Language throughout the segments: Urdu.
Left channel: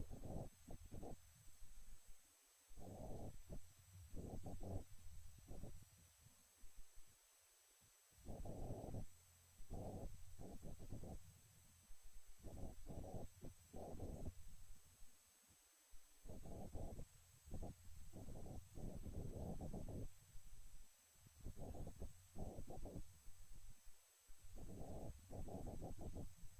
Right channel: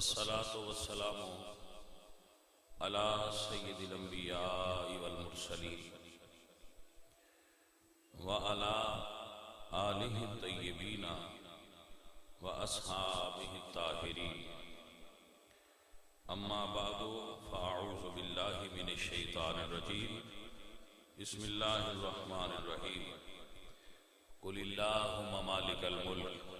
والصلاة والسلام على سيد الأنبياء والمرسلين وعلى آله الطيبين وأصحابه الطاهرين أما بعد فأعوذ بالله من الشيطان الرجيم بسم الله الرحمن الرحيم قل اللهم مالك الملك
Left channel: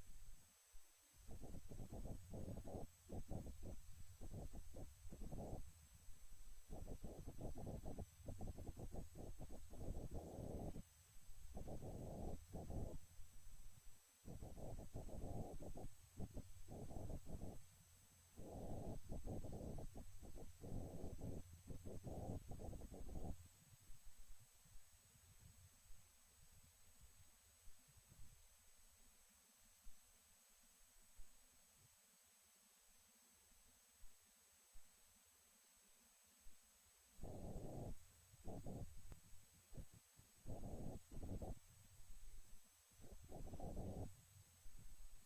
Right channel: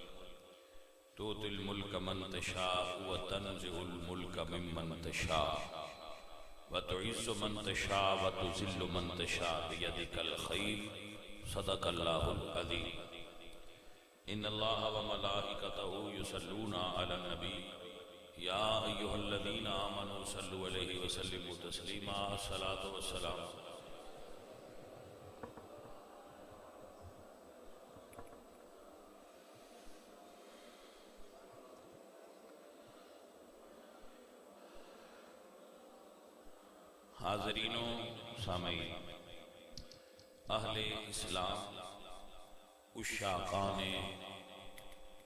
تؤتي الملك من تشاء وتنزع الملك ممن تشاء وتعز من تشاء وتذل من تشاء بيدك الخير صدق الله العظيم إن الله وملائكته يصلون على النبي يا أيها الذين آمنوا صلوا عليه وسلموا تسليما الصلاة والسلام حاضرین و سامعین اہل اسلام عشاقان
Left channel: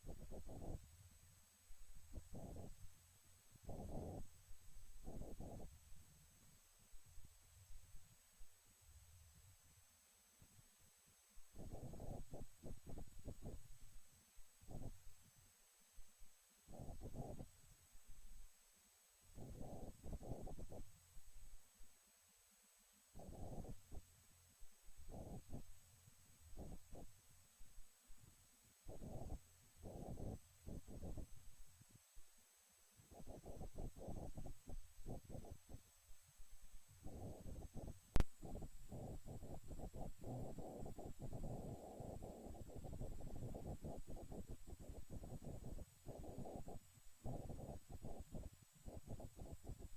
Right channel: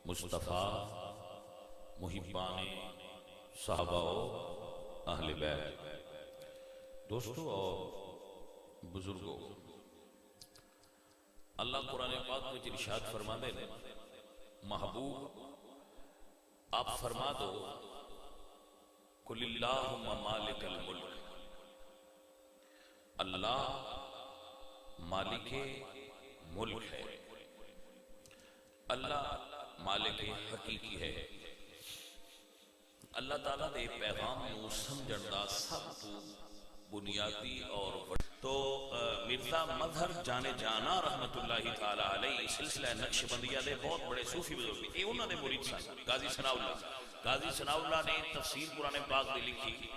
مصطفیٰ محبان صحابہ و اہل بیت دوستو اور بزرگوں اللہ قرآن پاک میں ارشاد فرما دے محبوب آپ فرما دو قل اللہم مالک الملک اللہ مالک ملک ہے اللہ مالک حقیقی ہے اللہ تعالیٰ دے پیغام نو سمجھن دا سب تو بنیادی اور تو مرزا مظہر جانے جانا رحمت اللہ تعالیٰ علیہ سلسلہ نقشبندیہ دے بہت بڑے صوفی بزرگ تھے انہوں نے مرید سن قاضی ثناء اللہ نے تفسیر قرآن پاک دے لکھی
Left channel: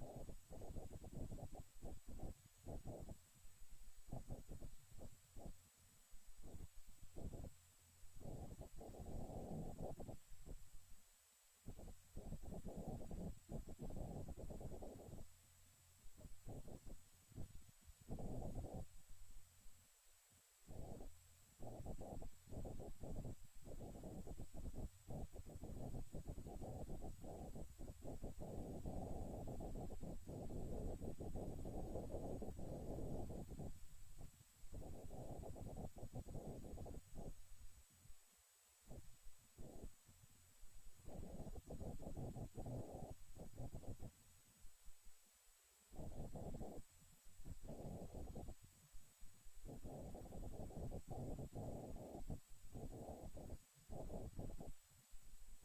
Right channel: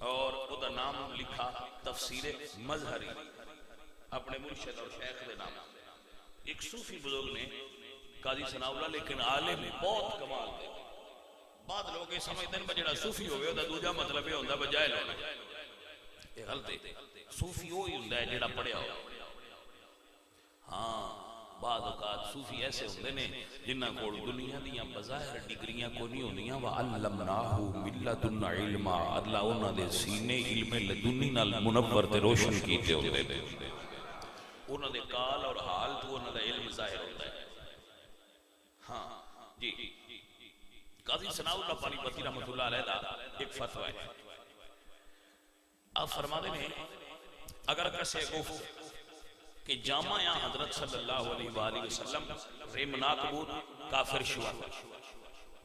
اور وہ دا نام لکھا تفسیر مظہری اپنے مرشد اور شیخ دے نام ایک صوفی بزرگ نے قاضی ثناء اللہ لیکن عالم بہت کمال دے بعد لوگ یہ سمجھتے ہیں بجڑا صوفی ہوئے دا دوجہ مطلب یہ ہوندہ بجائے لوگ یہ غلط ہے صوفی ہوئی ہوندہ ہے جڑا پڑھیا ہو ہاں بعد اوقات صوفی ایسے ہوندے نے جنہ کو دنیا دیاں بظاہر ڈگریاں کو نہیں ہوندیاں وَعَلَّمْنَاهُ مِن لَّدُنَّا عِلْمًا اللہ انہاں دے سینے علم لدنی نال منور تے روشن کیتے ہوندے نے انہاں دے کال اور حال تو انہاں دا علم ظاہر ہوتا ہے ہاں جی قاضی ثناء اللہ پانی پتی رحمت اللہ علیہ دا ایک فتوہ ہے آپ فرما دیں اگر کسے گفت کہ جامعہ یا حضرت صلی اللہ علیہ وآلہ وسلم ریم ناکبود کافر شوا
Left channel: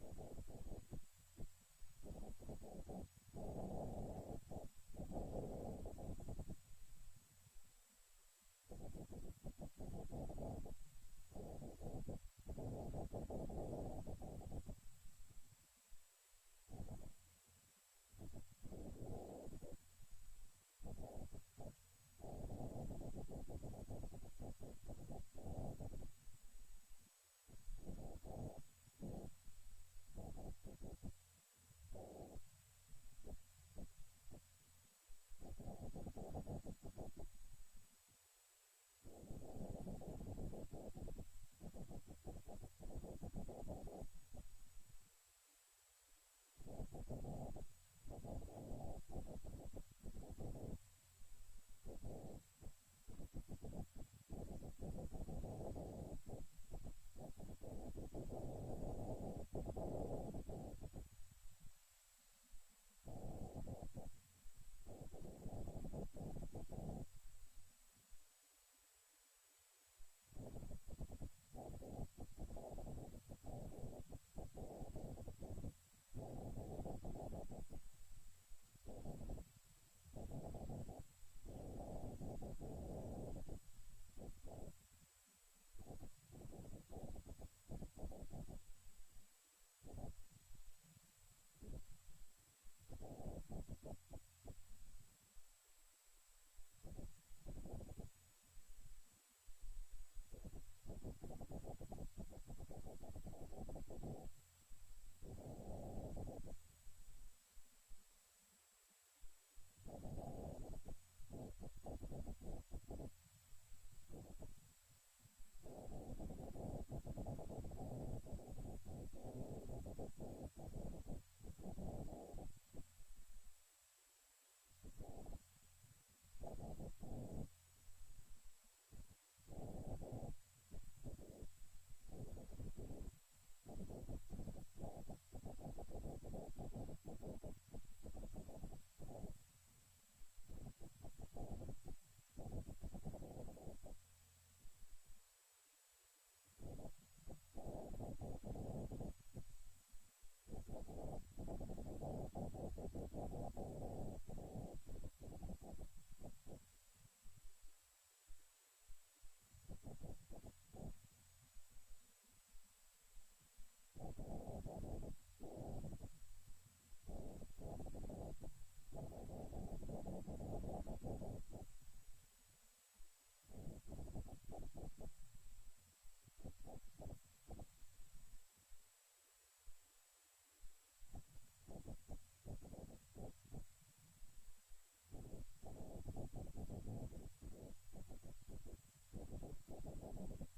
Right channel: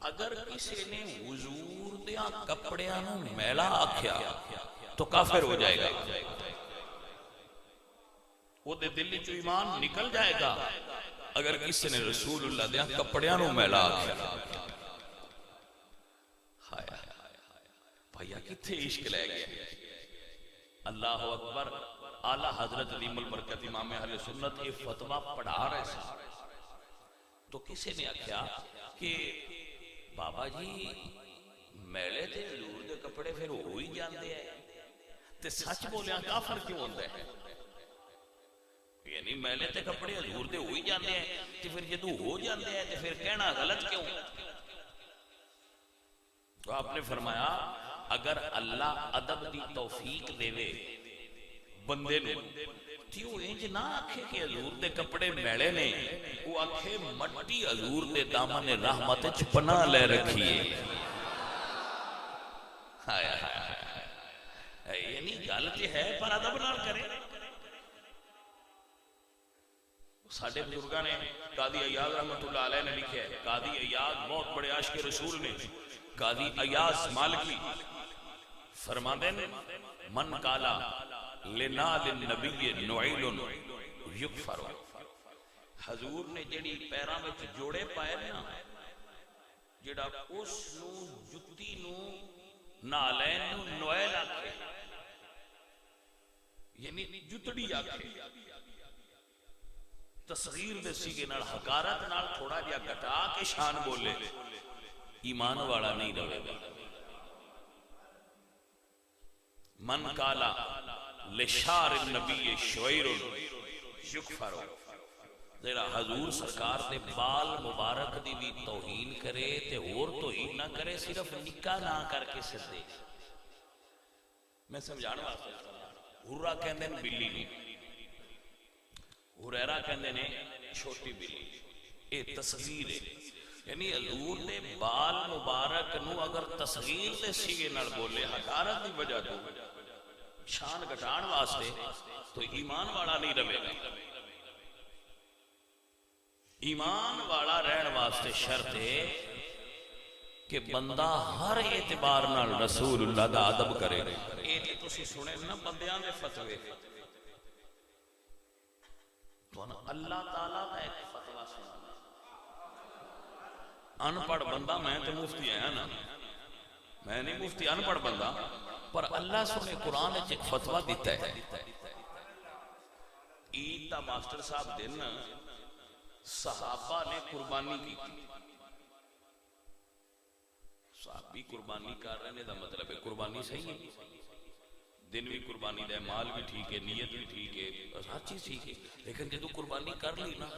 اگر کسی نے حضور دیا کپڑیاں میلا آکھیا تو کافر ہو جائے گا وہ دے دلی جو ایمان نکل جائے گا اگر کسی نے رسول اللہ دیا کپڑیاں میلا آکھیا بھائیہ کتھے عشق لے گئے اللہ اکبر اعلیٰ حضرت علیم البرکت امام اہل سنت یہ فتوہ پڑھا رہے ہیں تو کسی نے کہا کہ بابا جی میلے دے حضور دے کپڑے پھر ہوئی جاندے ہیں تے سچ بولیاں کافر کیوں ہوندے ہیں یعنی میلے دے کپڑے حضور دے ہوئی جاندے ہیں تے پھر جدو ہو جاندے ہیں تے پھر کہنا غلط کیوں تو آپ نے فرمایا اگر اللہ ادب دی توفیق دے وے بندے نے تیوں انج نہ آکھے کہ حضور دے کپڑے میڑے نے وہ آکھے مٹی حضور دے دامن رحمت چپنا لے رکھیے یعنی غلطی ہے پر ادب نہ کرے ساڑھے بزرگاں نے قاضی ایاز رحمت اللہ علیہ نے لکھے قاضی ایاز بہت بڑے عاشق رسول نے قاضی ایاز مالکی فرما دیں من کالا لنال النبی نعیل یکفر حضور نے جڑی پیران میں جوڑے پائے نا جڑا اس نو جتی نو نالین نو نویل آکھے یعنی جتڑی آکھے تصغیر دے سیگے نال حقارت نال تھوڑا جا کٹا کے شان بولے ایمان والا نہیں رہے گا من کالا لشار النبی شعیر یکفر ذرا حضور سرکار دے بال مبارک دی بھی توہین کرے تے اور توہین نہ کرے، صرف نکاح نہ کر کے سدے. میں سمجھانا واسطے ہورا کہندے نے بلی نہیں، ہریرہ کہندے نے چھوٹی بلی. اے تصغیر ہے، یعنی حضور دے بال مبارک نو اگر تصغیر دے سیگے نال بولے حقارت دی وجہ تو شان گھٹان واسطے، تو ایمان والا نہیں رہے گا. ایمان والا رہن واسطے شرط ہے کہ بندہ ہر اعتبار نال رسول اللہ دا ادب کرے. یہ تے تسی سنے نا بندیاں دے فتوے، تو اللہ تعالیٰ دا ایک فتوہ سنا. ان پڑھ بندہ، میں تو مفتی ہے نا، میں نہیں مفتی، ان پڑھ بندہ، پر اللہ سنے قرآن ایک فتوہ دیتا ہے. عید دا ماسٹر صاحب دن صحابہ نے قربانی کی، صحابی قربانی کر رہے دا مطلب ہے قربانی صحیح ہے، دن بھی قربانی دے، مال بھی ٹھیک ہے، نیت بھی ٹھیک ہے، ہر چیز ٹھیک ہے. لیکن جب قربانی کر لی نا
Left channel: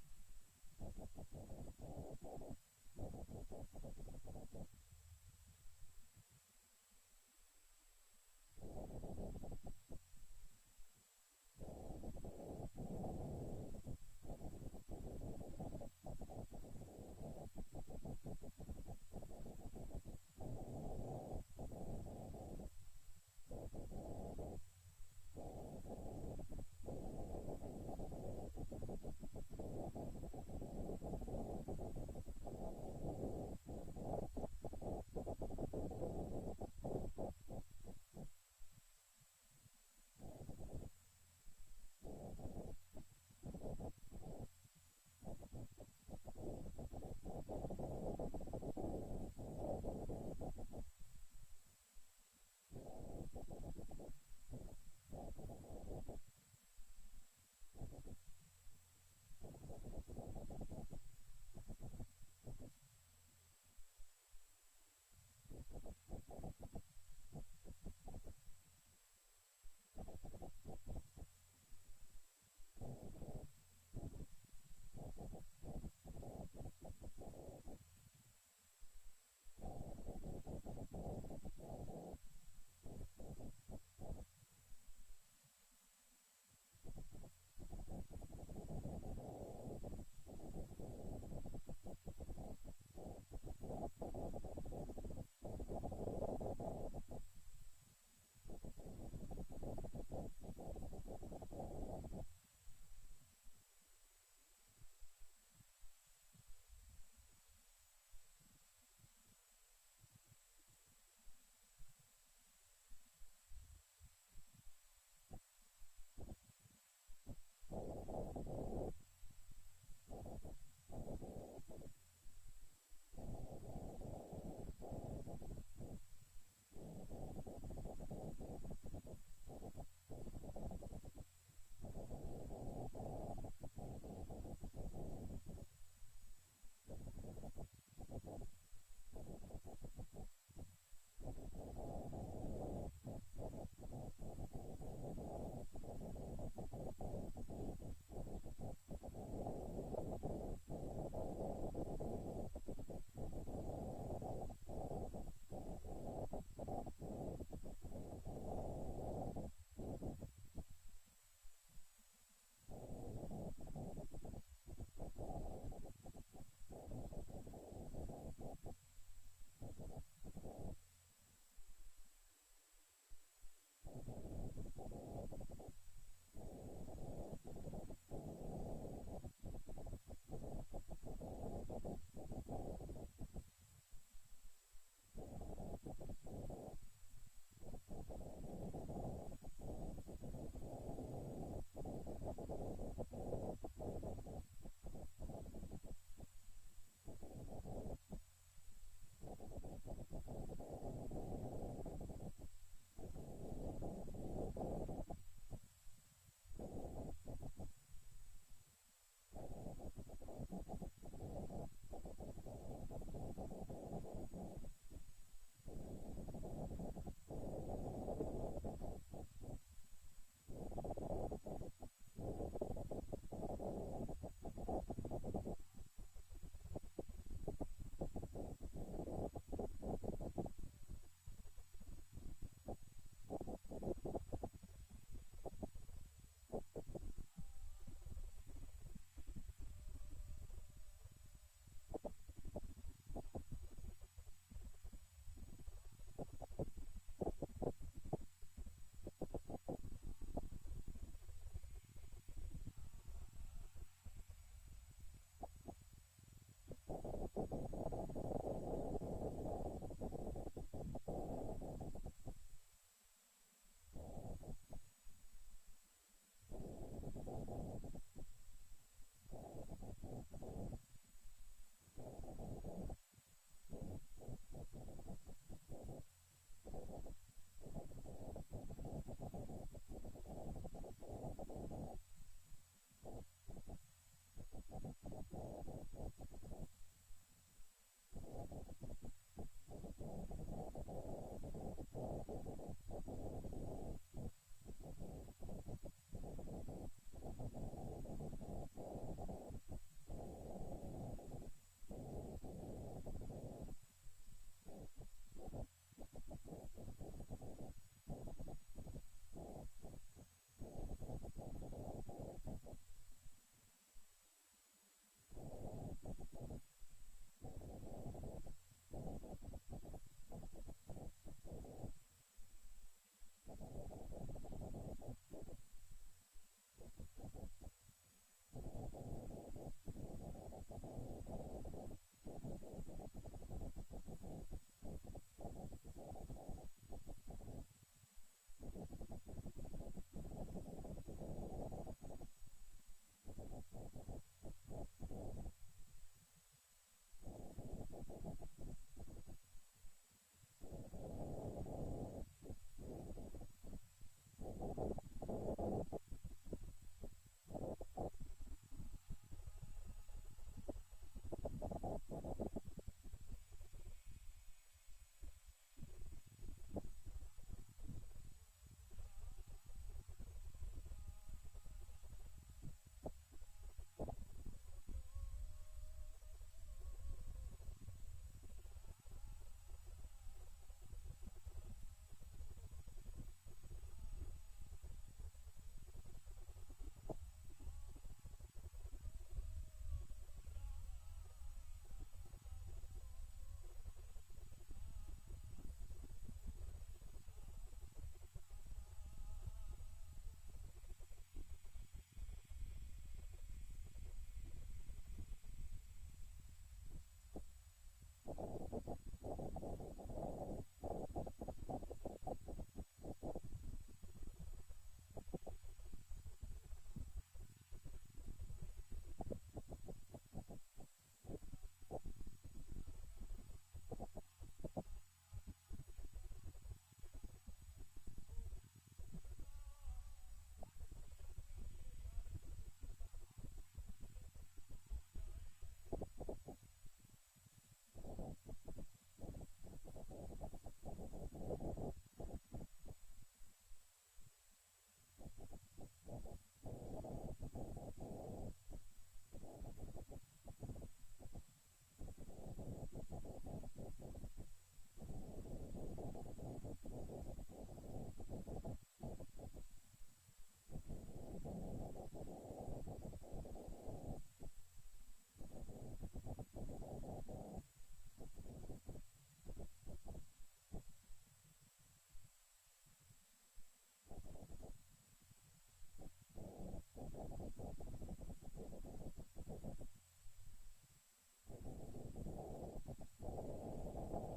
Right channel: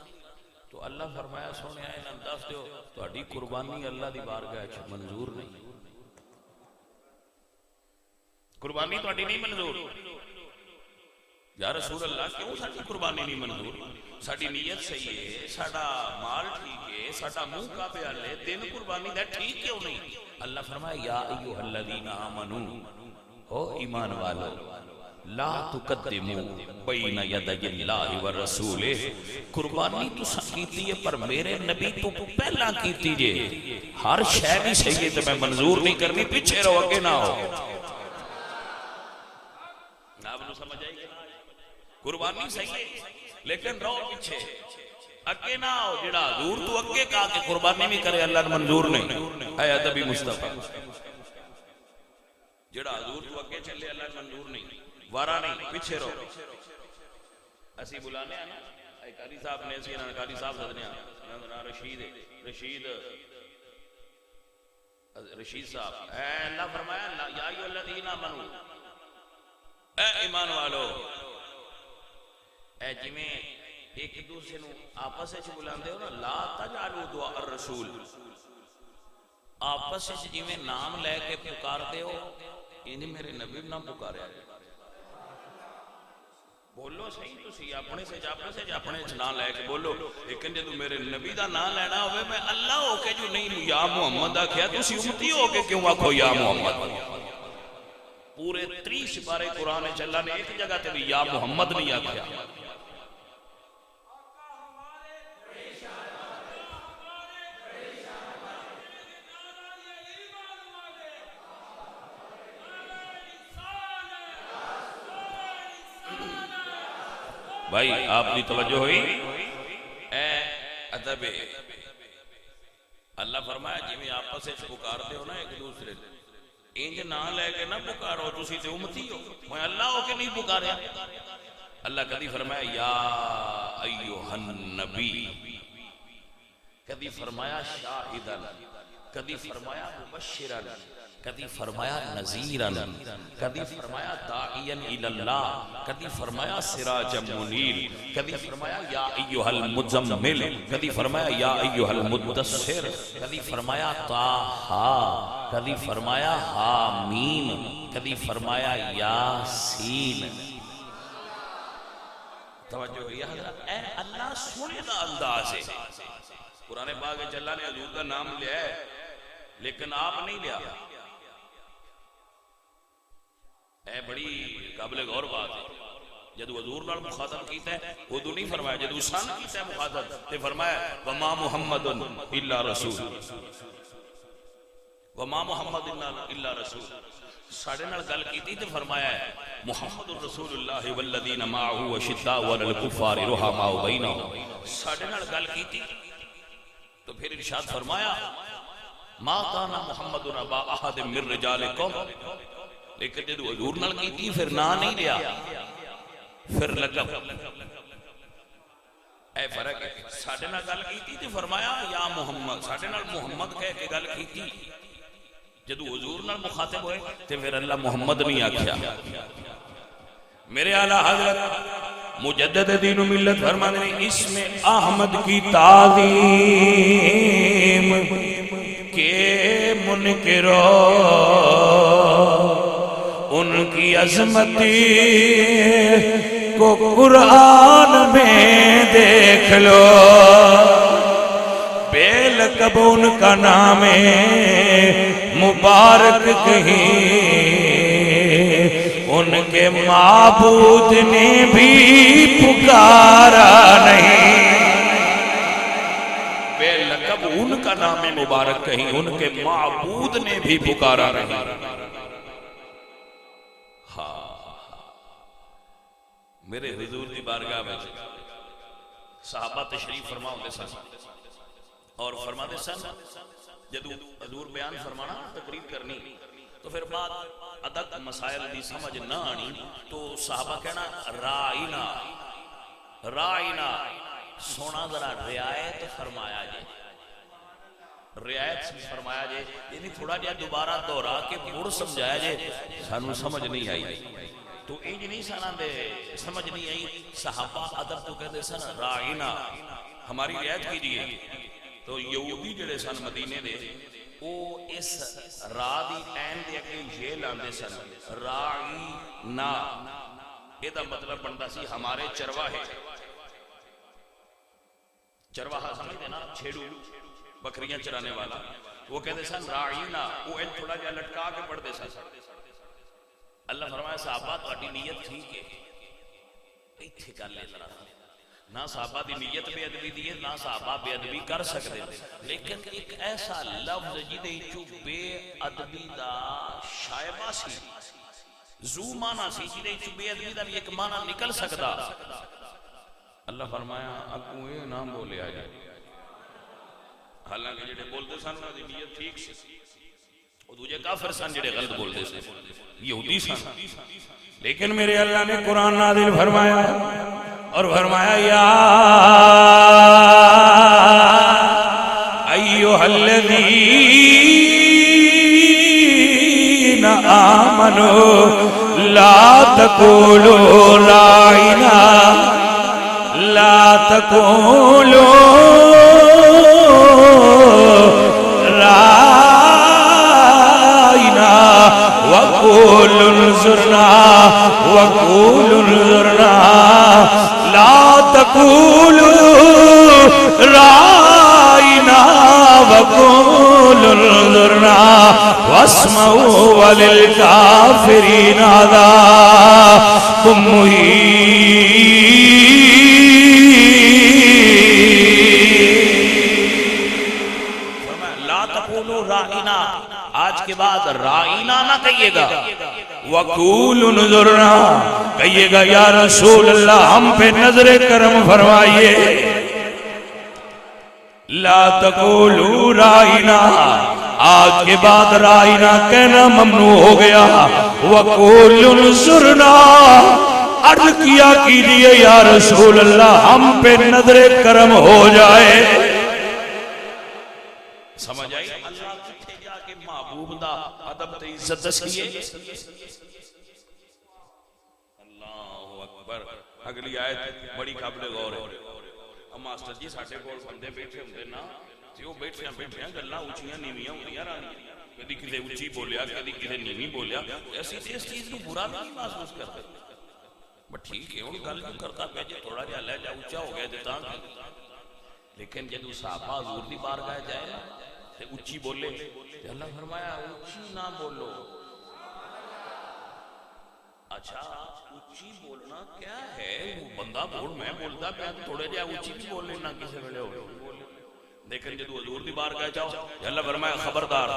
تو اللہ فرمایا سونے آئے نا دس دیو تہاڈی قربانی اللہ دی بارگاہ وچ منظور نہیں، قربانی تہاڈی نہیں منظور. یا رسول اللہ کیوں ساڈی قربانی نہیں منظور؟ ساڈی نیت صحیح ہے، ساڈا مال ٹھیک ہے، ساڈا منہ کعبے ول ہے، دن قربانی دا ٹھیک کیوں نہیں؟ اللہ فرمایا یا ایھا الذین آمنوا، او ایمان والو، لا تقدموا بین یدی اللہ ورسولہ. قربانی تساں کیتی ہے پر میرے نبی تو پہلا کیتی جے. ہر شے بھی صحیح ہے تے میں منظور نہیں کرنی، پیچھے رہو اگے نہ آؤ. آپ نو سمجھ آئی؟ قربانی صحیح ہے لیکن رہو پیچھے، اگے نہ آؤ. جڑا حضور تو اگے کہا کہ قربانی بھی کرے اللہ نے منظور نہیں، اے ادبی مصطفیٰ. جڑا حضور تو اگے چلے اللہ نے منظور نہیں، وارا نہیں، پیچھے رہو. اسی بلانے ہیں نا قاری صاحب نے، اسی قاری صاحب سدنے ہیں، رشید صاحب. اے اللہ فرمایا یا ایھا الذین آمنوا، اے ایمان والو. اے جویں ایک دوسرے نو آپس وچ بلاندے ہو نا، لا تجعلوا دعاء الرسول، آپس وچ جویں نام لے کے پکاردے ہو انہیں میرے نبی نہ پکاریا جائے. بولو صحیح تسی اپنے سے اپنے نام لے کے بولو، لیکن جدوں میرے نبی دا نام لینا ہوئے میں اللہ ہو کے جو نہیں یا محمد آکھیا، تسی امتی ہو کے کیوں آکھو یا محمد؟ پورے 30 بارے قرآن وچ اللہ نے ایک جگہ تے بھی یا محمد نہیں آکھیا. بھائی آپ کی توجہ ہوئی؟ اے ادب اللہ فرمایا جی میں آپس سے پکارتے ہو نا ایک دوسرے انج نہ لے کے نہ پکارو، تسی تے امتی ہو، میں اللہ ہو کے نہیں پکاریا. اللہ کدی فرمایا یا ایھا النبی، کدی فرمایا شاہدا، کدی فرمایا مبشرا، کدی فرمایا نذیرا، کدی فرمایا داعیا الی اللہ، کدی فرمایا سراجا منیر، کدی فرمایا یا ایھا المزمل، کدی فرمایا یا ایھا المدثر، کدی فرمایا طٰہٰ، کدی فرمایا حامیم، کدی فرمایا یاسین. توجہ ہوئی حضرت؟ اے اللہ سنے دا انداز ہے. قرآن پاک اللہ نے حضور کا نام لیا ہے لیکن آپ نہیں لیا. اے بڑی قابل غور بات ہے. جدو حضور نال مخاطب کیتا ہے ادو نہیں فرمایا، جدو سن کیتا ہے مخاطب تے فرمایا وما محمد الا رسول، وما محمد الا رسول. ساڑھے نال گل کیتی تے فرمایا ہے محمد رسول اللہ والذین معه اشداء علی الکفار رحماء بینہم. ساڑھے نال گل کیتی تو پھر ارشاد فرمایا ما کان محمد ابا احد من رجالکم، لیکن جدو حضور نال کیتی پھر نہ نہیں لیا، پھر لقب. اے فرق ہے. ساڑھے نال گل کیتی تے فرمایا یا محمد، ساڑھے نال محمد کہہ کے گل کیتی، جدو حضور نال مخاطب ہوئے تے پھر اللہ محمد نہیں آکھیا. میرے اعلیٰ حضرت مجدد دین و ملت فرماتے ہیں اس میں احمد کی تعظیم کے منکرو ان کی عظمتی کو قرآن میں دیکھ لو، بے لقب ان کا نام مبارک کہیں ان کے معبود نے بھی پکارا نہیں، بے لقب ان کا نام مبارک کہیں ان کے معبود نے بھی پکارا نہیں۔ میرے حضور دی بارگاہ میں صحابہ تشریف فرما ہوتے سن اور فرماتے سن جدو حضور بیان فرمانا تقریر کرنی تو پھر بعد ادق مسائل دی سمجھ نہ آنی تو صحابہ کہنا رائنا رائنا سونا ذرا رعایت فرمایا جائے، رعایت فرمایا جائے یعنی تھوڑا جہا دوبارہ دہرا کے مڑ سمجھایا جائے، سانو سمجھ نہیں آئی تو انج نہیں سنا دے سمجھ نہیں آئی۔ صحابہ ادب تو کہتے سن رائنا ہماری رعایت کیجیے، تو یہودی جڑے سن مدینے دے وہ اس را دی عین دے اگے یہ لاندے سن رائنا، یہ دا مطلب بنتا سی ہمارے چرواہے، چرواہا سمجھتے نا چھیڑو بکریاں چرانے والا، وہ کہتے سن رائنا، وہ ان تھوڑا جا لٹکا کے پڑھتے سن۔ اللہ فرمایا صحابہ تہاڈی نیت ٹھیک ہے، ایتھے گل ہے ذرا نہ صحابہ دی نیت بے ادبی دی ہے نہ صحابہ بے ادبی کر سکتے، لیکن ایک ایسا لفظ جدے چوں بے ادبی دا شائبہ سی زو مانا سی جدے چوں بے ادبی دا بھی ایک مانا نکل سکتا، اللہ فرمایا اگوں اے نام بولے آ جائے، حالانکہ جڑے بولتے سن انہاں دی نیت ٹھیک سی، وہ دوجے کافر سن جڑے غلط بولتے سن یہودی سن، لیکن میرے اللہ نے قرآن نازل فرمایا اور فرمایا یا ایھا الذین آمنوا لا تقولوا رائنا لا تقولوا وقولوا انظرنا وقولوا انظرنا لا تقولوا رائنا وقولوا انظرنا واسمعوا وللكافرين عذاب مہین۔ لا تقولوا رائنا، آج کے بعد رائنا نہ کہیے گا، وقول انظرنا کہیے گا یا رسول اللہ ہم پہ نظر کرم فرمائیے، لا تقولوا رائنا، آج کے بعد رائنا کہنا ممنوع ہو گیا، وقول انظرنا عرض کیا کیجئے یا رسول اللہ ہم پہ نظر کرم ہو جائے۔ سمجھ آئی اللہ کتھے جا کے محبوب دا ادب تے عزت دسیے۔ اللہ اکبر، اگلی آیت بڑی قابل غور ہے۔ ہم ماسٹر جی ساڈے کول بندے بیٹھے ہوندے نا تے او بیٹھیاں گلاں اونچیاں نیویاں ہوندیاں رہندیاں، کدی کدے اونچی بولیا کدی کدے نیوی بولیا، اسی اس چیز کو برا نہیں محسوس کرتے، بٹ ٹھیک ہے ہن گل جو کرتا پیا جے تھوڑا جہا لہجہ اونچا ہو گیا تے تاں، لیکن جدوں صحابہ حضور دی بارگاہ جائے تے اونچی بولے تے اللہ فرمایا اونچی نہ بولو۔ اچھا اونچی بولنا کیا ہے؟ وہ بندہ بول میں بولتا پیا تھوڑے جہا اونچی بھی بول لینا کسی ویلے ہو، لیکن جدوں حضور دی بارگاہ جاؤ اللہ فرمایا خبردار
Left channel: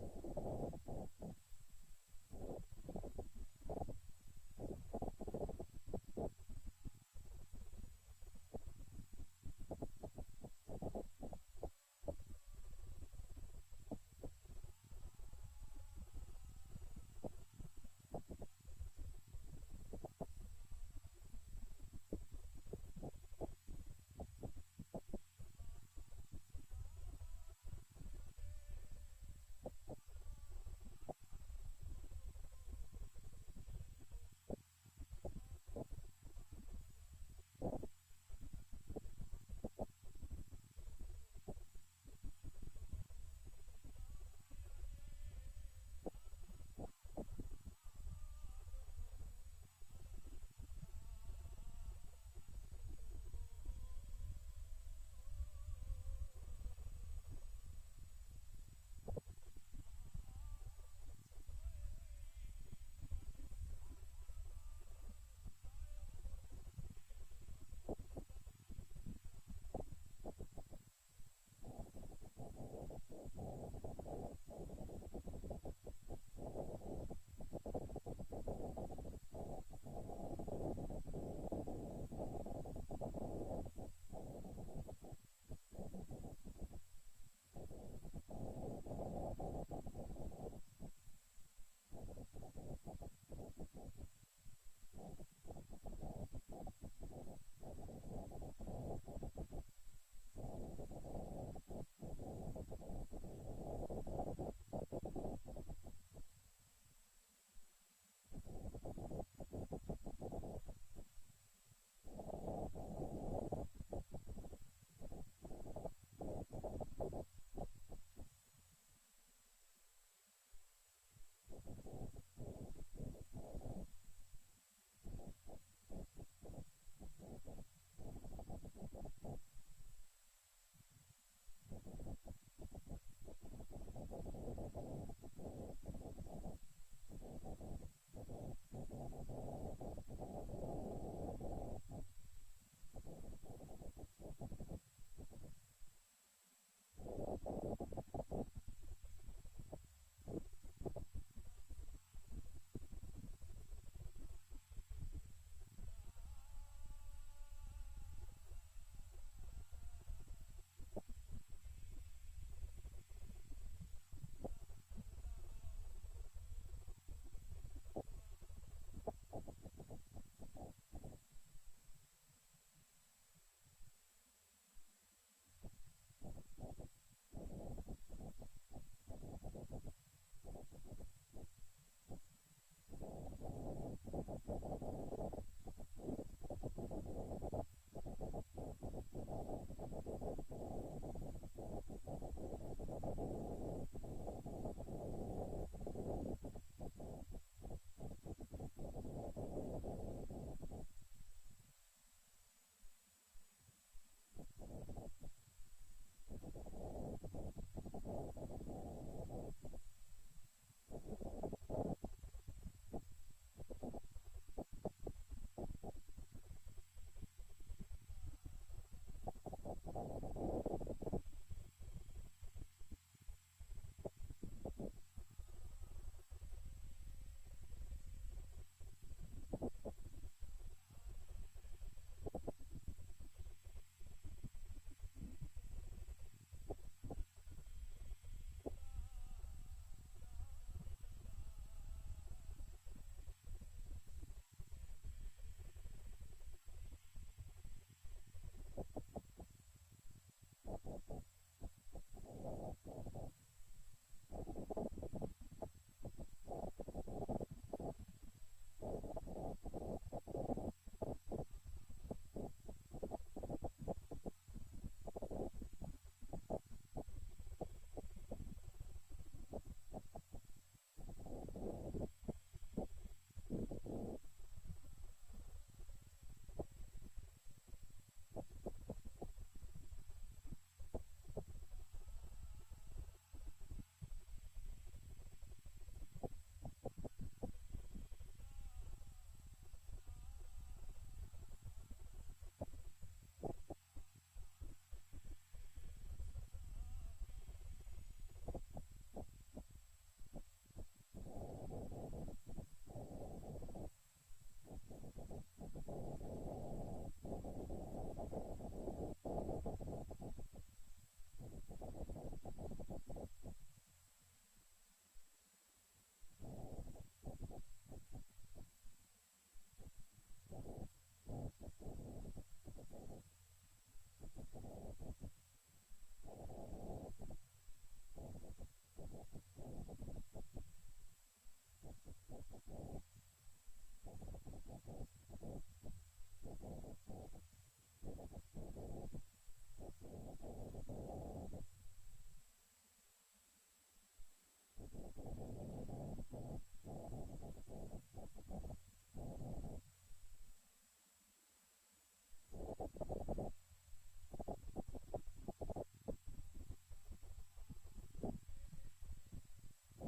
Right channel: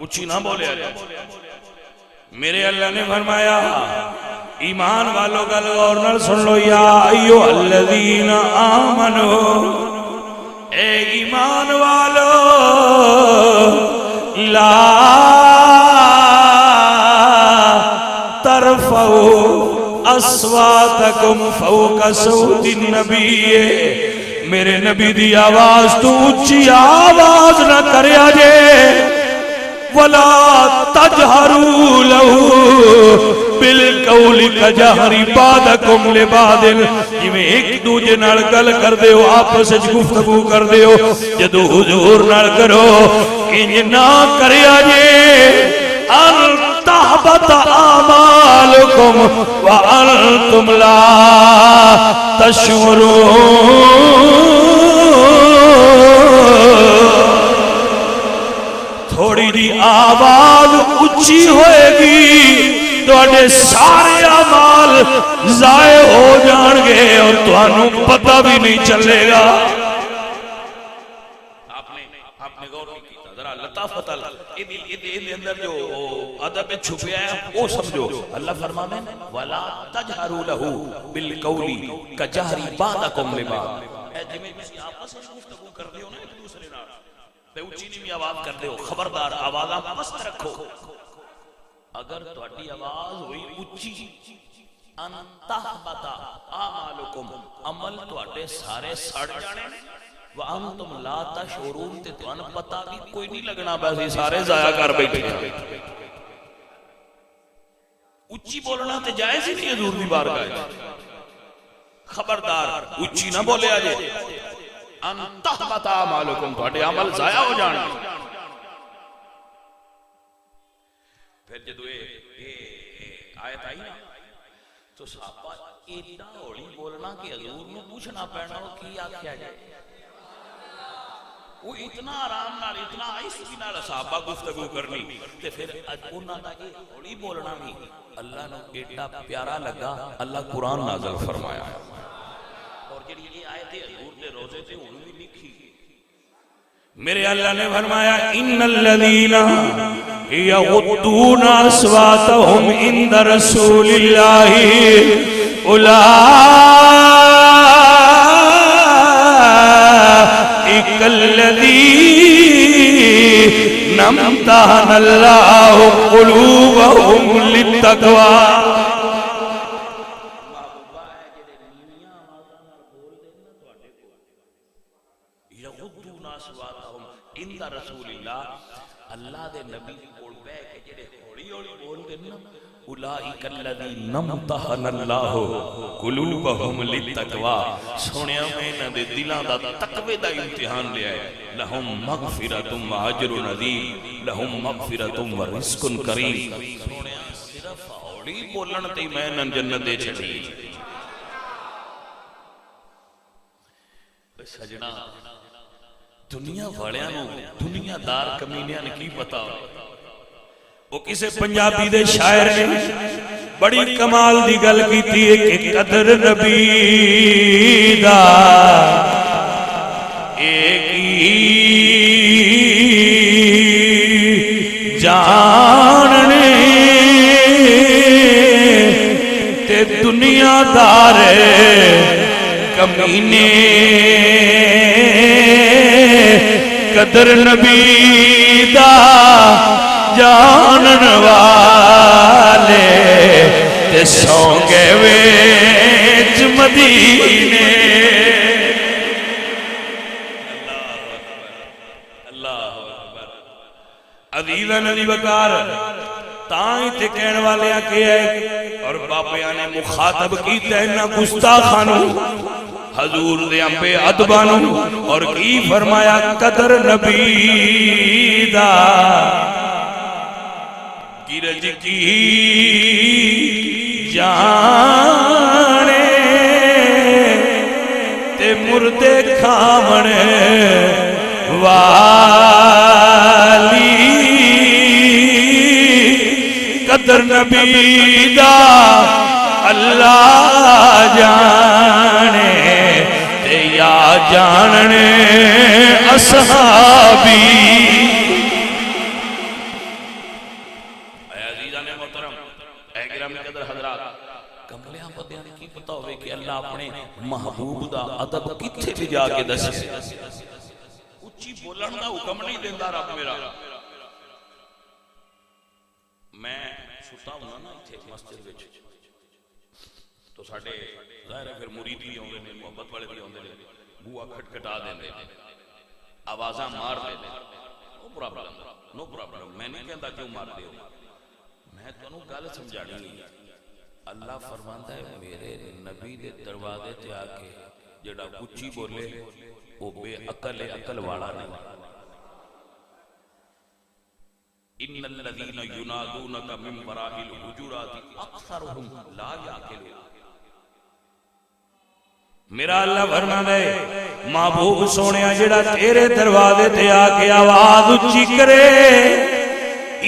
اونچی نہ بولے۔ میرے اللہ نے فرمایا ایمان والوں گل غور نال سن لو، یا ایھا الذین آمنو، اے ایمان والو لا ترفعوا اصواتکم فوق صوت النبی، میرے نبی دی آواز تو اونچی آواز نہ کریا جے، ولا تجہروا لہ بالقول کجہر بعضکم لبعض، جویں ایک دوجے نال گل کردے ہو آپس وچ گفتگو کردے ہو جدوں حضور نال کرو انج نہ کریا جے ان تحبط اعمالکم وانتم لا تشعرون۔ تھوڑی دی آواز اچھی ہوئے گی تواڈے سارے اعمال ضائع ہو جان گے اور تانوں پتہ بھی نہیں چلے گا۔ آپ نے غور نہیں کیتا، ذرا لطافت اندر جو ادب چھپیا ہے وہ سمجھو۔ اللہ فرمانے وَلَا تَجْهَرُوا لَهُ بِالْقَوْلِ كَجَهْرِ بَعْضِكُمْ لِبَعْضٍ، اے جویں تسی آپس وچ گفتگو کردے ہو نا ایک دوسرے نال تے اونچی نیویں آواز کردے ہو، خبردار آوازاں پست رکھو۔ اگر تہاڈی آواز ہوئی اونچی ان تحبط اعمالکم، عمل تہاڈے سارے سڑ جانے وانتم لا تشعرون، تے تانوں پتہ بھی کوئی نہیں لگنا بس سارے ضائع کر بیٹھے۔ اونچی بولنا تے جائز ہی نہیں حضور دی بارگاہ وچ، خبردار اونچی نہ بولیا جے ان تحبط اعمالکم، تہاڈے عمل ضائع ہو جان۔ پھر جدوں آیت آئی نا تو صحابہ ایڈا ہولی بولنا کہ حضور نو پوچھنا پینا کی آکھیا جائے، وہ اتنا آرام نال اتنا آہستگی نال صحابہ گفتگو کرنی تے پھر انہاں دا یہ ہولی بولنا بھی اللہ نو ایڈا پیارا لگا، اللہ قرآن نازل فرمایا اور جڑی یہ آیت حضور دے روزے تے ہن بھی لکھی میرے اللہ نے فرمایا ان الذین یغضون اصواتهم عند رسول اللہ اولئک الذین امتحن اللہ قلوبهم للتقوی۔ اللہ دے نبی کول بیٹھ کے جڑے ہولی ہولی بولدے نا اولئک الذین امتحن اللہ قلوبهم للتقوی، سونیا میں انہاں دے دلاں دا تقوی دا امتحان لیا ہے۔ لہم مغفرۃ واجر عظیم، لہم مغفرۃ ورزق کریم۔ سونیا صرف ہولی بولن تے میں انہاں جنت دے چھڈی۔ سجنا دنیا والیاں نو دنیا دار کمینیاں نے کی پتا، وہ کسے پنجابی دے شاعر نے بڑی کمال دی گل کیتی ہے کہ قدر نبی دا ایک ہی جاننے تے دنیا دار کمینے قدر نبی دا جانن والے تے سونگے ویچ مدینے۔ اللہ اکبر۔ عزیزاں نبی وقار تائیں تے کہن والے آکے ہے اور باپیاں نے مخاطب کیتا ہے انہاں گستاخانوں حضور دے امبے ادبانوں اور کی فرمایا قدر نبی دا گرج کی جانے تے مردے کھامنے والی قدر نبی دا اللہ جانے تے یا جاننے اصحابی۔ محبوب دا ادب کتھے بھی جا کے دس اچھی بولن دا حکم نہیں دیندہ رب میرا۔ میں ستا ہوں نا اتھے مسجد وچ تو ساڑھے ظاہر ہے پھر مرید بھی ہوندے نے محبت والے بھی ہوندے نے بوا کھٹکھٹا دیندے آوازاں مار دیندے نو پرابلم میں نہیں کہندا کیوں مار دیو میں تانوں گل سمجھانی ہے اللہ فرماندا ہے میرے نبی دے دروازے تے آ کے جڑا اچھی بولے وہ بے عقل ہے عقل والا نہیں ان الذين ينادونك من وراء الحجرات اكثرهم لا يعقلون میرا اللہ فرماتا ہے محبوب سونیا جڑا تیرے دروازے تے آ کے آواز اچھی کرے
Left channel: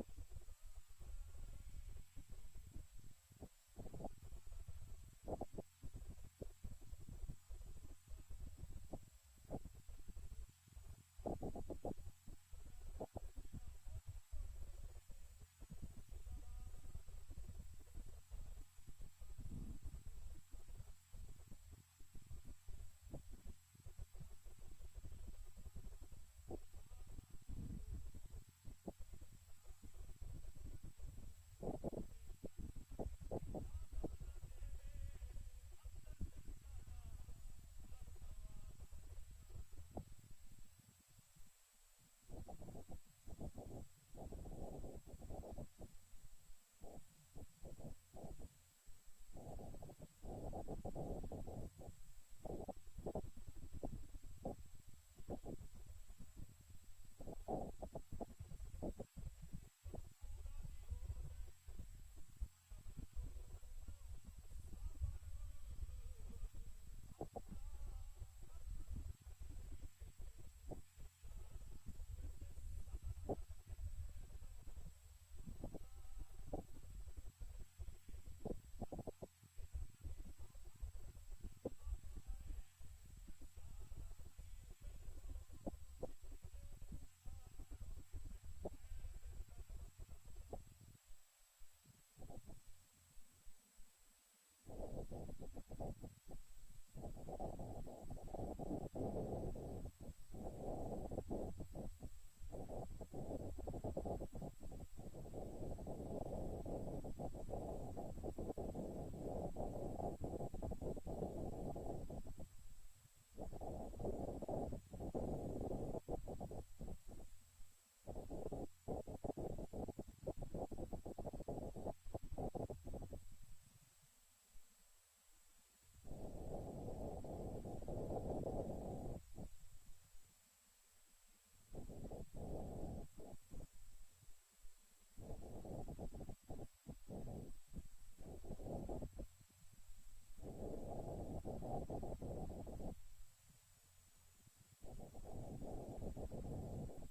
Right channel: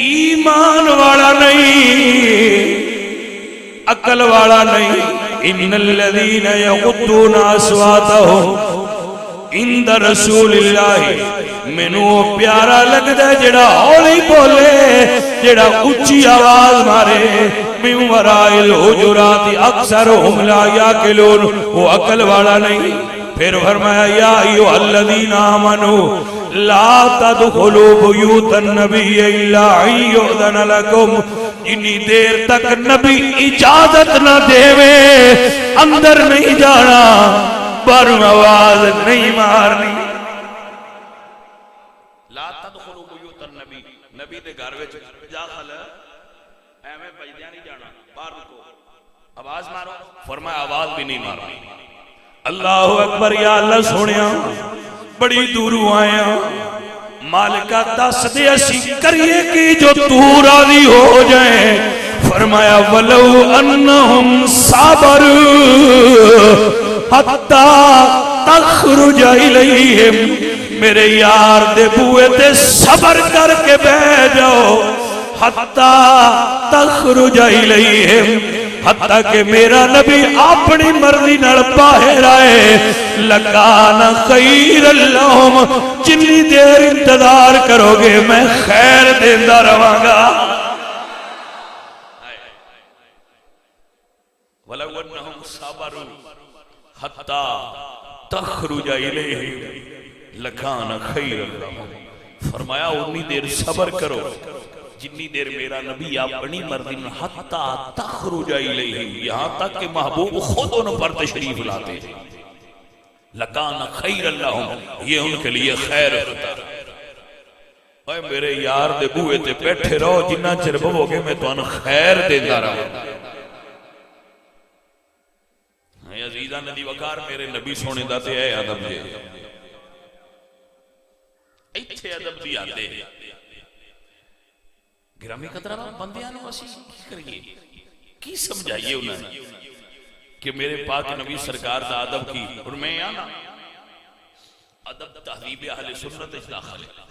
ایمان والا نہیں عقل والا نہیں ان الذين يغضون اصواتهم عند رسول اللہ مینوں پیارا لگدا ہے جڑا ہولی بولے جڑا اونچی آواز مارے من وراء الحجرات اکثرهم لا یعقلون وہ عقل والا نہیں پھر فرمایا یا ایھا الذین آمنوا لا تدخلوا بیوت النبی الا ان یؤذن لکم جنی دیر تک نبی اجازت نہ دے اندر نہیں جانا پر آواز نہیں مارنی لا تدخلوا بیوت النبی نبی دے گھر وچ داخل ایویں بجدیاں نہیں جانا باہر رکو آواز مارو فرمایا آواز بھی نہیں مارنی اللہ اکبر یا اللہ سونیا بڑی دوروں آیا مالکہ دس دے اسی کریے کی جو تو راضی ہو جائیں فرمایا ولو انہم صابر حتی تخرج الیہم میرے یار دے بوئے تے صبر کر کے بہ جاؤ حتی تخرج الیہم حتیٰ کہ میرا نبی اپنی مرضی نال باہر آئے لکان خیر اللہم جنی دیر انتظار کرو گے میں خیر دیندہ رہاں گا وَلَوْ أَنَّهُمْ صَبَرُوا حَتَّى تَخْرُجَ إِلَيْهِمْ لَكَانَ خَيْرًا لَهُمْ فرمایا اتنی دیر صبر کرو جتنی دیر میرا نبی اپنی مرضی میں حتی تخرج الیہم یہاں تک کہ محبوب خود ان پر تشریف لاتے لکان خیر اللہم یہ ان کے لیے خیر ہوتا اے میرے یار دے بوئے تے بیٹھے رہو جنہ چر بھو گے میں تو ان خیر دیندہ رہا عزیزہ ندی وکار میرے نبی سونے داتے اے ادب دے ایتھے ادب دی آتے ہیں گرامی قدرہ بندیانوں اسی کی کریے کی سمجھائیے انہیں کہ میرے پاک نبی سرکار دا ادب کی اور میں آنا ادب تحریب اہل سنت اج داخل ہے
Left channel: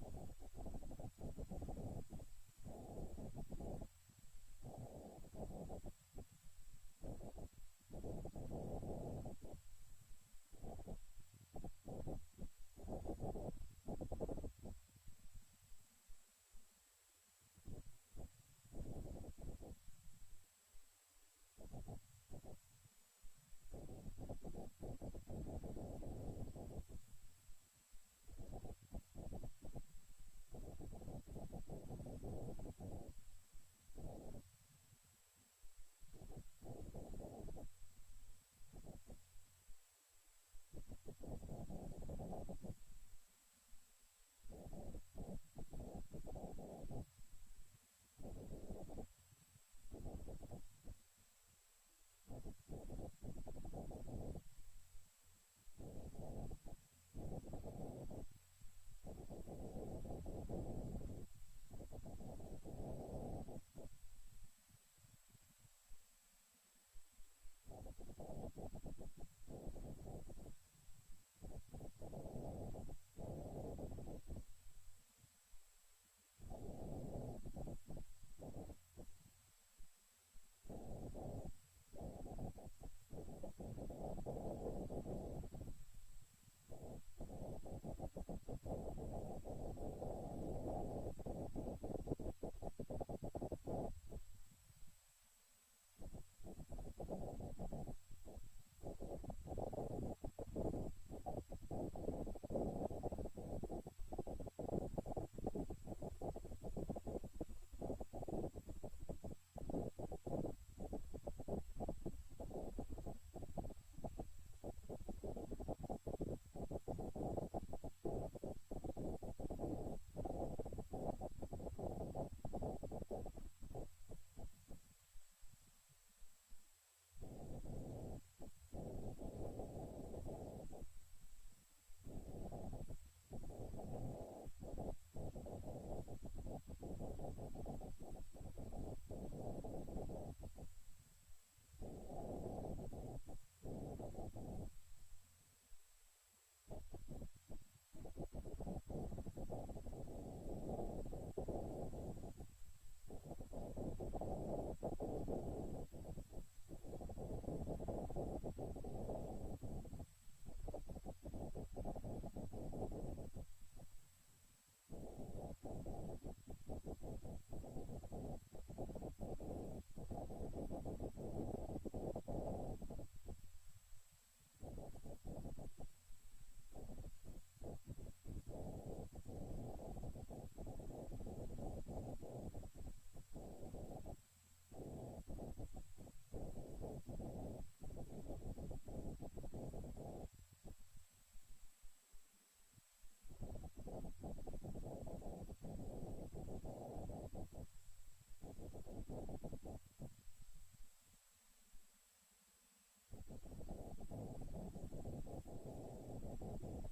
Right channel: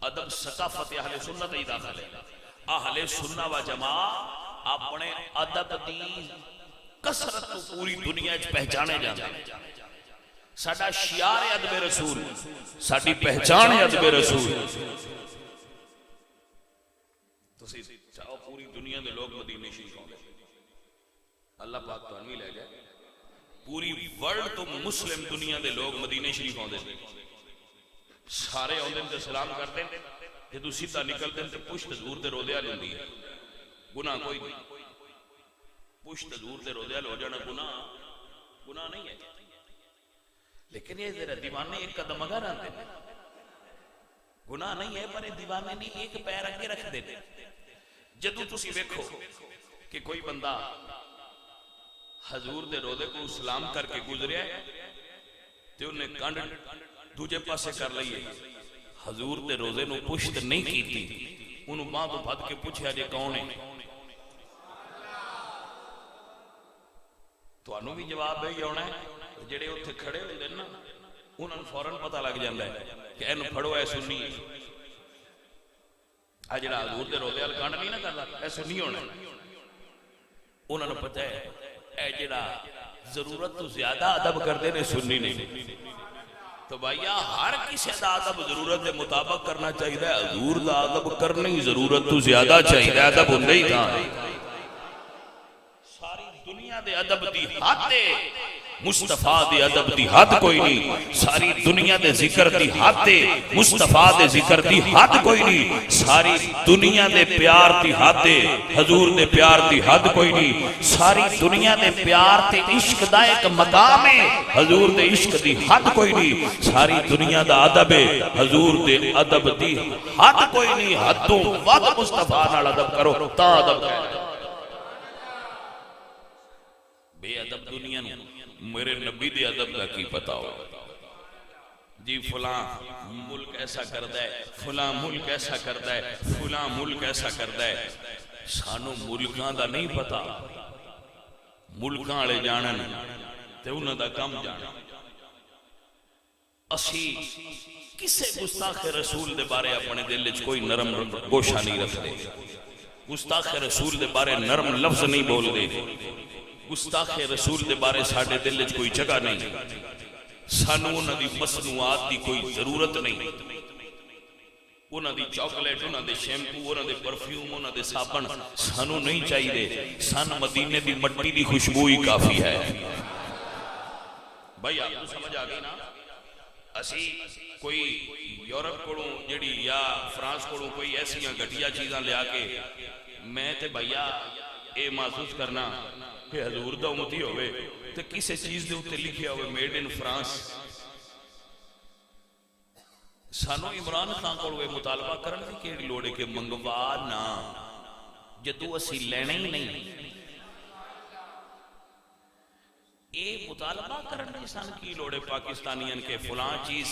ادب ثقافت اہل سنت اج داخل ہے اہل سنہ و جماع اپنے ادب دی کثرت کو پوری دنیا اج پہچانے جاتے ہیں ساڑھا شیار ادب رسول ساڑھی پہچان ادب رسول چاہو پوری دنیا دے لوگ مدینے شریف ہوں گے اللہ پاک تو انوی لے گئے پوری ورلڈ تو مسلم دنیا دے لوگ مدینے شریف ہوں گے سارے ہوں دن تے سلام کرتے ہیں جدو سیدھا نکل دن تے پشت دور دے رودے آل ہوندی ہے گناہ کوئی نہیں پشت دور دے رودے آل ہو جانا گناہ نہیں ہے لیکن یہ ذرا دیوانے ایک قدم اگر آتے ہیں گناہ نہیں ہے پر دیوانے نہیں ایک پیر اگے رکھ دیتے جدو تسی ویکھو کہ کوئی بندہ حضور دے روزے کو سلام کر کے گزریا ہے تے انہیں کنڈ دوجے پاسے کر لئیے حضور دے روزے نو پشت نہیں کی تھی انہوں ماں تو بھد کے پوچھے آجے کون ہے تو انہوں بھی جواب ہے یہ ہونا ہے جڑے اتھے کھڑے ہوئے دن نا انہوں فوراں پتہ لگ جاندہ ہے کہ اینو پھڑو اے سنی ہے آجڑا حضور دے روزے آل کانڈ نہیں نہ کرنا اے سنی ہونا انہوں نے پتہ ہے اے جڑا ضرورت تو زیادہ ادب کر دینے سنی نہیں تو بھائیہ ہر کسی دا ادب ضرورت دے مطابق کرنا چاہیے حضور دا ادب کرنے ضرورت تو زیادہ چاہیے ادب ہندے ہی کہاں ساری دنیا دے ادب دی حد مصطفیٰ دے ادب دی حد کوئی نہیں، ساری دنیا دے ذکر دی حد دے مصطفیٰ دے ذکر دی حد کوئی نہیں، ساری دنیا دے پیار دی حد دے حضور دے پیار دی حد کوئی نہیں، ساری دنیا دے پیار تے عشق دا ایک مقام ہے، حضور دے عشق دی حد کوئی نہیں، ساری دنیا دا ادب ہے، حضور دے ادب دی حد کوئی نہیں، حدوں ود مصطفیٰ نال ادب کرو تا ادب ہے۔ بے ادب دنیا نو میرے نبی دے ادب کا کی پتا ہو، جی فلاں ملک ایسا کرتا ہے، فلاں ملک ایسا کرتا ہے، فلاں ملک ایسا کرتا ہے، سانو ملکاں دا نہیں پتا، ملکاں والے جانن تے انہاں دا کم جانن۔ اسی کسے گستاخ رسول دے بارے اپنے دل وچ کوئی نرم گوشہ نہیں رکھتے، گستاخ رسول دے بارے نرم لفظ نہیں بول دے، گستاخ رسول دے بارے ساڑھے دل وچ کوئی جگہ نہیں، سانو انہاں دی مصنوعات دی کوئی ضرورت نہیں، انہاں دی چاکلیٹ، انہاں دے شیمپو، انہاں دے پرفیوم، انہاں دے صابن سانو نہیں چاہیے، سان مدینے دی مٹی دی خوشبو ہی کافی ہے۔ بھائی آپ کو سمجھ آگئی نا؟ اسی کوئی یورپ کوڑوں جڑی یا فرانس کوڑوں کوئی ایسیاں گھٹیا چیزاں لیا کے میں تے بھائیا اے محسوس کرنا کہ حضور دا امتی ہوئے تو کسے چیز دے ہوتے لکھے ہوئے میڈ ان فرانس، سانو عمران خان کو ہوئے مطالبہ کرنے کی لوڑے کے منگوا نا جدو اسی لینے ہی نہیں، اے مطالبہ کرنے سان کی لوڑے پاکستانیان کے فلاں چیز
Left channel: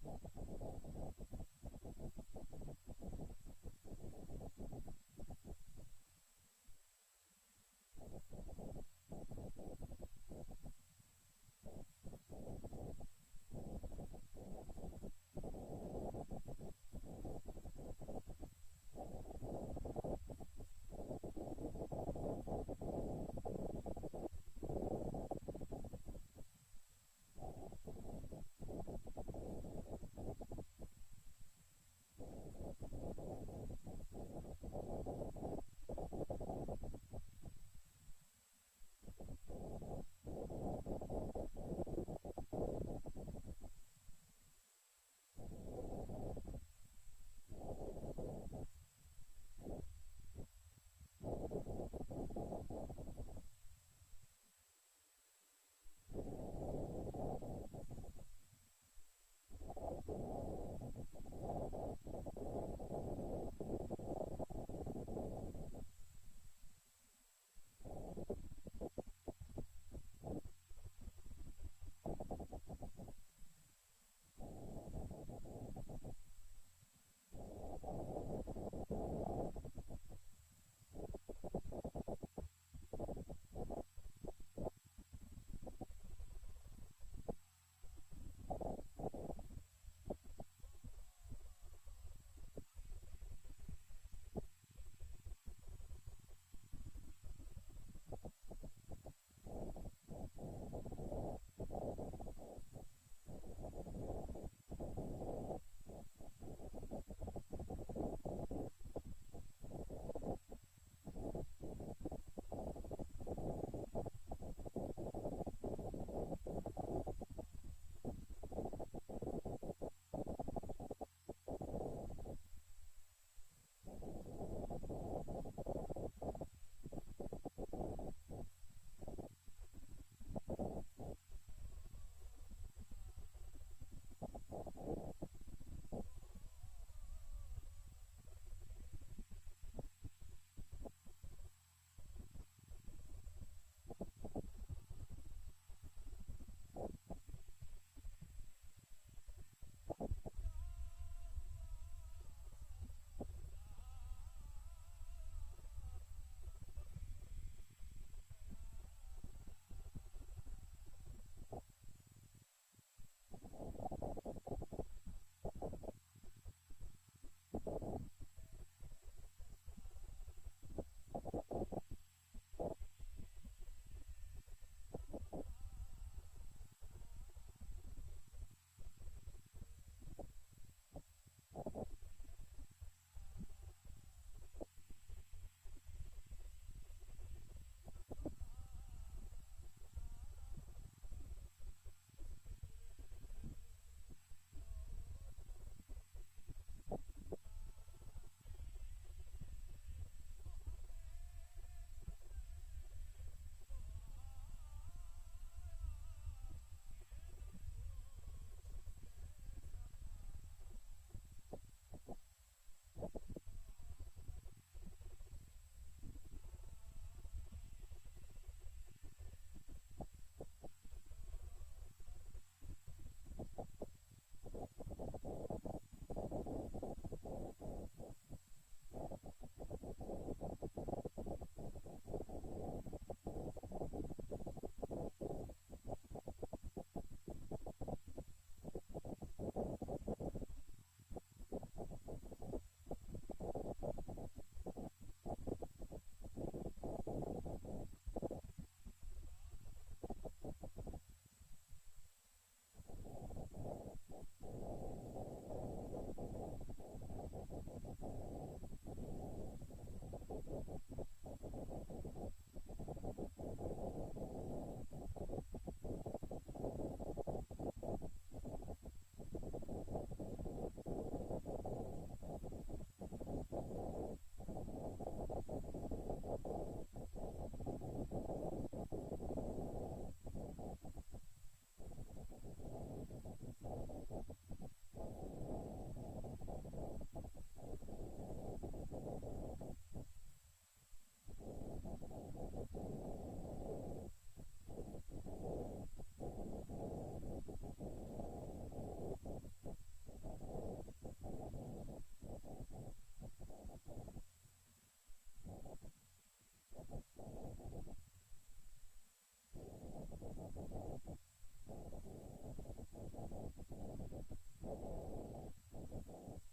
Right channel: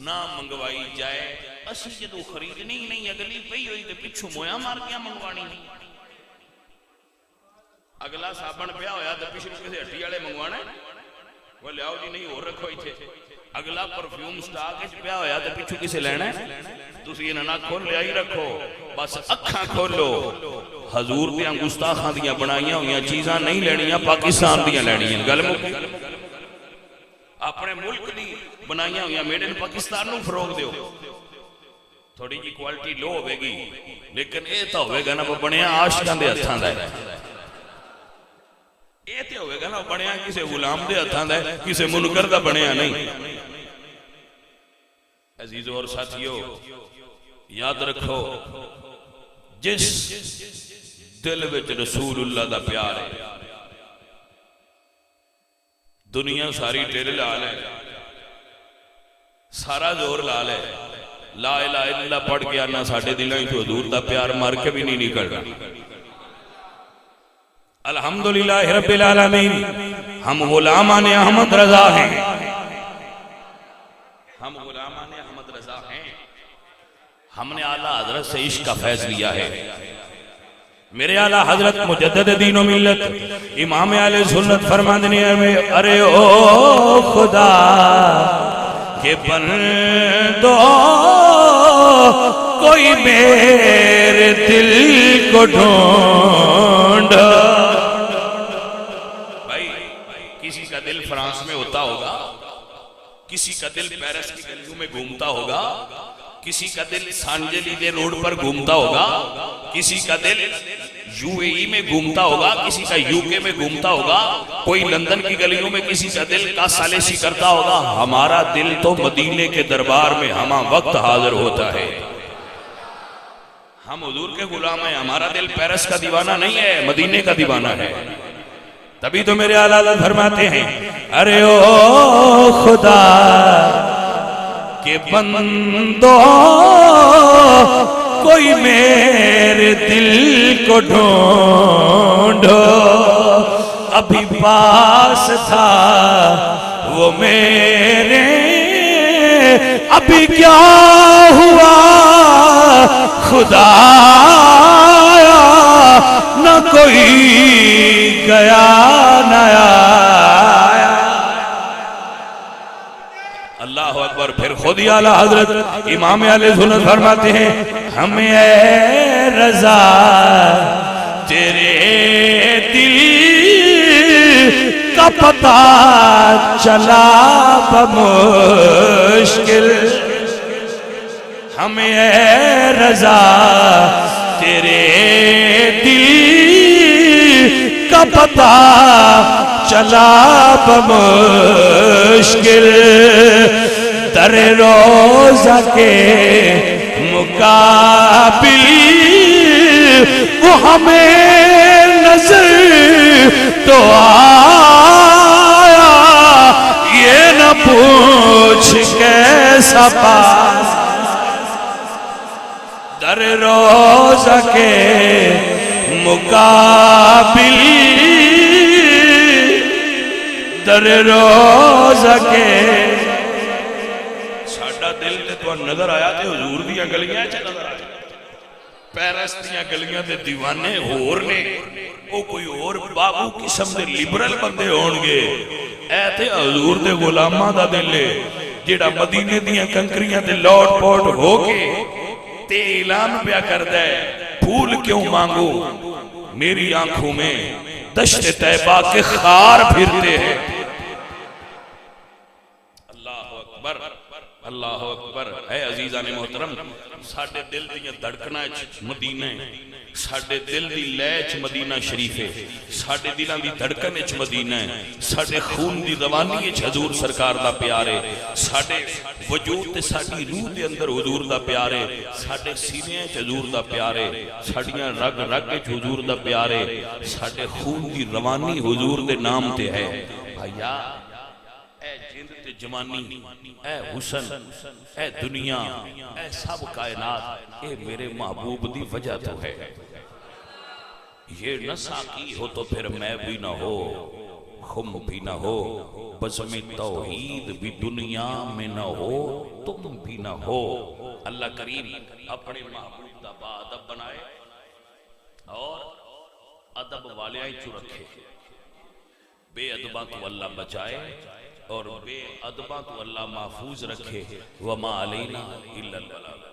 نہ منگوائی جائے، اسی جدو خریدنی نہیں اگلی پئی ہوئی دے پچھو مویا مار کیا منگوانی نہیں، اگلا صابن پیا ہویا تو پچھلے کسی ہٹی والے منگوانا ہے، وہ لیاؤ جی نہیں اور رکھو ہی تھے، اگلا پرفیوم سٹاک پیا ہویا تو پچھو کسے لینا ہے، تسی انہاں نہ کھول لیا ہی رکھو، بس اکھاں کھولو، حضور دیاں گستاخاں دیاں بنائیاں ہویاں چیزاں نہیں لینیاں، پاکستان دیاں لینیاں، گل مکی اپنے ملک دی بنائیاں ہویاں میڈ ان پاکستان نو فروغ دیو، تھوڑی جی کوالٹی لو ہوئے گی لیکن اے تا ہوئے گا نا وہ بنیا عاشقاں دے ہتھاں دا ہے، اے تے ہوئے گا نا بنیا کسے غلام دے ہتھاں دا ہے، کسے منکر دا بنیا نہیں۔ عزیزو اور ساتھیو یاد رکھو جس دل وچ رسول اللہ دا پیار ہے دنیا ساری تیرے لال ہے، سارا زور لال ہے، لا الہ الا اللہ پڑھ کے آنا ساڑھے دلائیں تو حضور دا پیار مار کے بھی نہیں نکل رہا۔ الحمدللہ رب العالمین، ہم غلامان احمد رضا ہیں، ہم غلامان احمد رضا ہیں، ہم نے اعلیٰ حضرت سے عشق کا فیض لیا ہے۔ میرے اعلیٰ حضرت مجدد دین و ملت امام اہل سنت فرماندنی ہے، ارے او خدا کہ بندو کوئی میرے دل کو ڈھونڈ، بھائی کسی کا دل فرانس میں ہوتا ہوگا، کسی کا دل پیرس کی گلیوں میں گھومتا ہوگا، کسی کا دل سانجلی دے روڈ پر گھومتا ہوگا، کسی کا دل یو اے ای میں گھومتا ہوگا، کسی کا یو کے میں گھومتا ہوگا، کوئی لندن کی گلیوں میں کسی کا دل کا سالسی کرتا ہوگا، ہمارا دل تو مدینے کے دربار میں ہمہ وقت حاضر ہوتا ہے۔ ہم حضور کے غلام ہیں، ہمارا دل پیرس کا دیوانہ نہیں ہے، مدینے کا دیوانہ ہے۔ تبھی تو میرے اعلیٰ حضرت فرماتے ہیں، ارے او خدا کہ بندو کوئی میرے دل کو ڈھونڈو، ابھی پاس تھا وہ میرے، ابھی کیا ہوا خدایا، نہ کوئی گیا نہ آیا۔ اللہ اکبر۔ پھر خود ہی اعلیٰ حضرت امام اہل سنت فرماتے ہیں، ہمیں اے رضا تیرے دل کا پتہ چلا بمشکل، ہمیں اے رضا تیرے دل کا پتہ چلا بمشکل در روزہ کے مقابل وہ ہمیں نظر تو آیا یہ نہ پوچھ کیسا پاس در روزہ کے مقابل در روزہ کے ساڈا دل تے تو نظر آیا تے حضور دیاں گلیاں چ نظر آیا پیرس دیاں گلیاں تے دیوانے ہور نے او کوئی اور بابو قسم دے لبرل بندے ہون گے اے تے حضور دے غلاماں دا دل ہے جیڑا مدینے دیاں کنکریاں تے لوٹ پوٹ ہو کے تے اعلان پیا کردا ہے پھول کیوں مانگو میری آنکھوں میں دشت طیبہ کے خار پھرتے ہیں اللہ اکبر اللہ اکبر اے عزیزان محترم ساڑھے دل دیاں دھڑکنا مدینہ ساڑھے دل دی لیچ مدینہ شریف ہے ساڑھے دلان دی دھڑکن اچ مدینہ ہے ساڑھے خون دی روانی اچ حضور سرکار دا پیار ہے ساڑھے وجود تے ساڑھی روح دے اندر حضور دا پیار ہے ساڑھے سینے اچ حضور دا پیار ہے ساڑھیاں رگ رگ اچ حضور دا پیار ہے ساڑھے خون دی روانی حضور دے نام تے ہے بھائیا اے جند تے جوانی اے حسن اے دنیا اے سب کائنات اے میرے محبوب دی وجہ تو ہے یہ نہ ساقی ہو تو پھر میں بھی نہ ہو خم بھی نہ ہو بزم توحید بھی دنیا میں نہ ہو تم بھی نہ ہو اللہ کریم اپنے محبوب دا با ادب بنائے اور ادب والے آئی چو رکھے بے ادباں تو اللہ بچائے اور بے ادباں تو اللہ محفوظ رکھے وما علینا الا البلاغ